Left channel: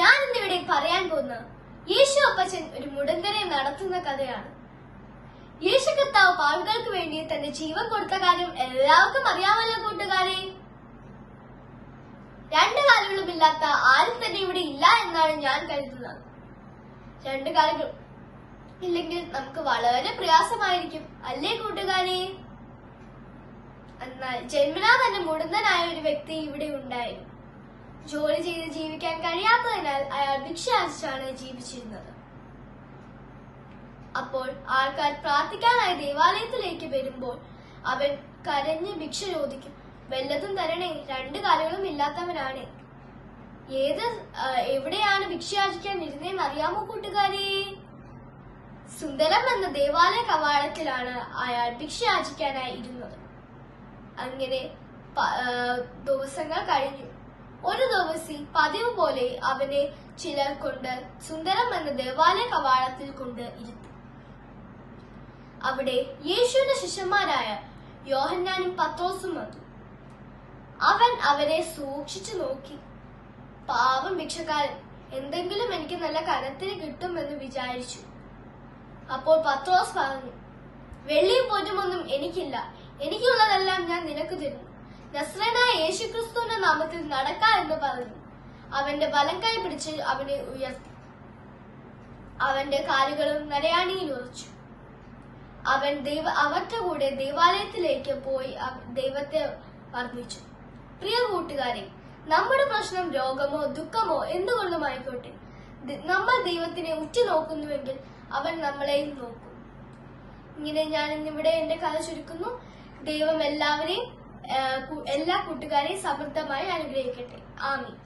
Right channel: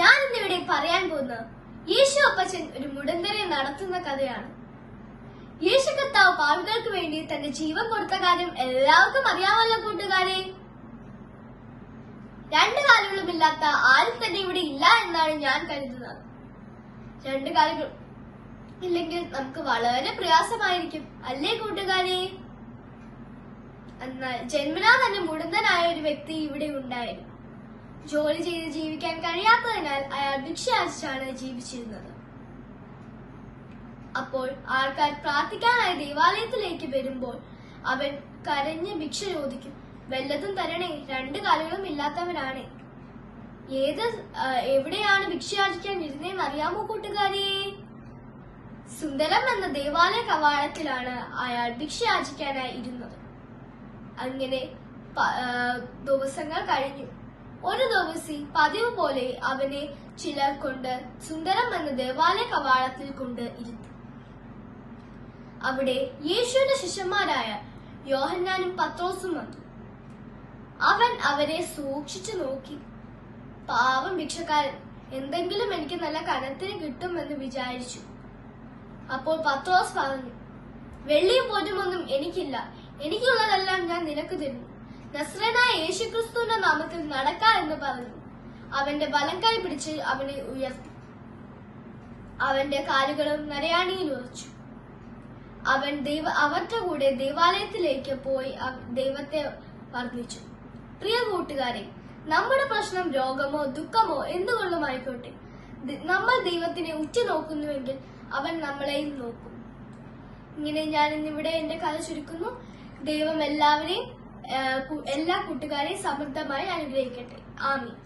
ഞാൻ ഇന്നിവിടെ പറയാൻ പോകുന്ന യേശു അപ്പച്ചൻ ഒരു മുടന്തനെ നടത്തുന്ന കഥയാണ്. യേശു കർത്താവ് പാപികൾക്ക് വേണ്ടി തന്റെ ജീവൻ കൊടുത്ത കാര്യം എല്ലാവർക്കും അറിയാമല്ലോ കൂട്ടുകാരെ. രണ്ട് കാലുകളുമില്ലാത്ത ആരും തന്നെ ഇവിടെ ഇല്ല എന്നാണ് ഞാൻ കരുതുന്നത്. രണ്ട് കാലുകൾ ഇല്ലെങ്കിൽ നമുക്ക് വളരെ പ്രയാസമായിരിക്കും അല്ലേ കൂട്ടുകാരെ. എന്നാൽ ജന്മനാ തന്നെ മുടന്തനായ ഒരു വ്യക്തി ഇവിടെ ഉണ്ടായിരുന്നു. ജോലി ചെയ്ത് ജീവിക്കാൻ കഴിയാത്തതിനാൽ അയാൾ ഭിക്ഷയാചിച്ചാണ് ജീവിച്ചിരുന്നത്. അപ്പോൾ ആൾക്കാർ പ്രാർത്ഥിക്കാനായി ദേവാലയത്തിലേക്ക് വരുമ്പോൾ അവൻ കരഞ്ഞ് ഭിക്ഷ ചോദിക്കും. വല്ലതും തരണേ, രണ്ട് കാലുകളും ഇല്ലാത്തവനാണ്. എവിടെയാണ് ഭിക്ഷയാചിക്കാൻ വരുന്നതെന്ന് അറിയാമോ കൂട്ടുകാരെ? സുന്ദരം എന്ന ദേവാലയ കവാടത്തിലാണ് അയാൾ ഭിക്ഷയാചിക്കാനായി ഇരുന്നത്. അങ്ങനെ ദിവസങ്ങൾ കഴിഞ്ഞു. ഒരു ദിവസം പതിവ് പോലെ അവനെ ചിലർ കൊണ്ട് സുന്ദരം എന്ന ദേവാലയ കവാടത്തിൽ കൊണ്ട് ഇരുത്തി. അവിടെ യേശുവിന്റെ ശിഷ്യന്മാരായ യോഹന്നാനും പത്രോസും വന്നു. അവൻ അവരെ സൂക്ഷിച്ചു നോക്കി. പാവം ഭിക്ഷക്കാരൻ, എന്തെങ്കിലും എനിക്ക് നല്ല കനത്തിന് കിട്ടുമെന്ന് വിചാരിച്ചു. അപ്പോൾ പത്രോസ് പറഞ്ഞു, വെള്ളിയും പൊന്നുമൊന്നും എനിക്കില്ല, എനിക്കുള്ളതെല്ലാം ഞാൻ നിനക്ക് തരുന്നു. നസ്രനായ യേശുക്രിസ്തുവിന്റെ നാമത്തിൽ നടക്ക എന്ന് പറഞ്ഞു. അവന്റെ വലം കൈ പിടിച്ച് അവനെ ഉയർത്തി. അവന്റെ കാലുകളും നരയാണിയിൽ ഉറച്ചു. അവൻ അവരുടെ കൂടെ ദേവാലയത്തിലേക്ക് പോയി ദൈവത്തെ വർദ്ധിച്ചു. പ്രിയ കൂട്ടുകാരെ, നമ്മുടെ പ്രശ്നം രോഗമോ ദുഃഖമോ എന്തുകൊണ്ടുമായിക്കോട്ടെ, നമ്മൾ ദൈവത്തിനെ ഉറ്റുനോക്കുന്നുവെങ്കിൽ അവൻ നമ്മളെയും നോക്കും. ഇങ്ങനെ ഞാൻ ഇന്നിവിടെ എന്റെ കഥ ചുരുക്കുന്നു. ദൈവം എല്ലാ കൂട്ടുകാരെയും സമൃദ്ധമായി അനുഗ്രഹിക്കട്ടെ. ആമീൻ.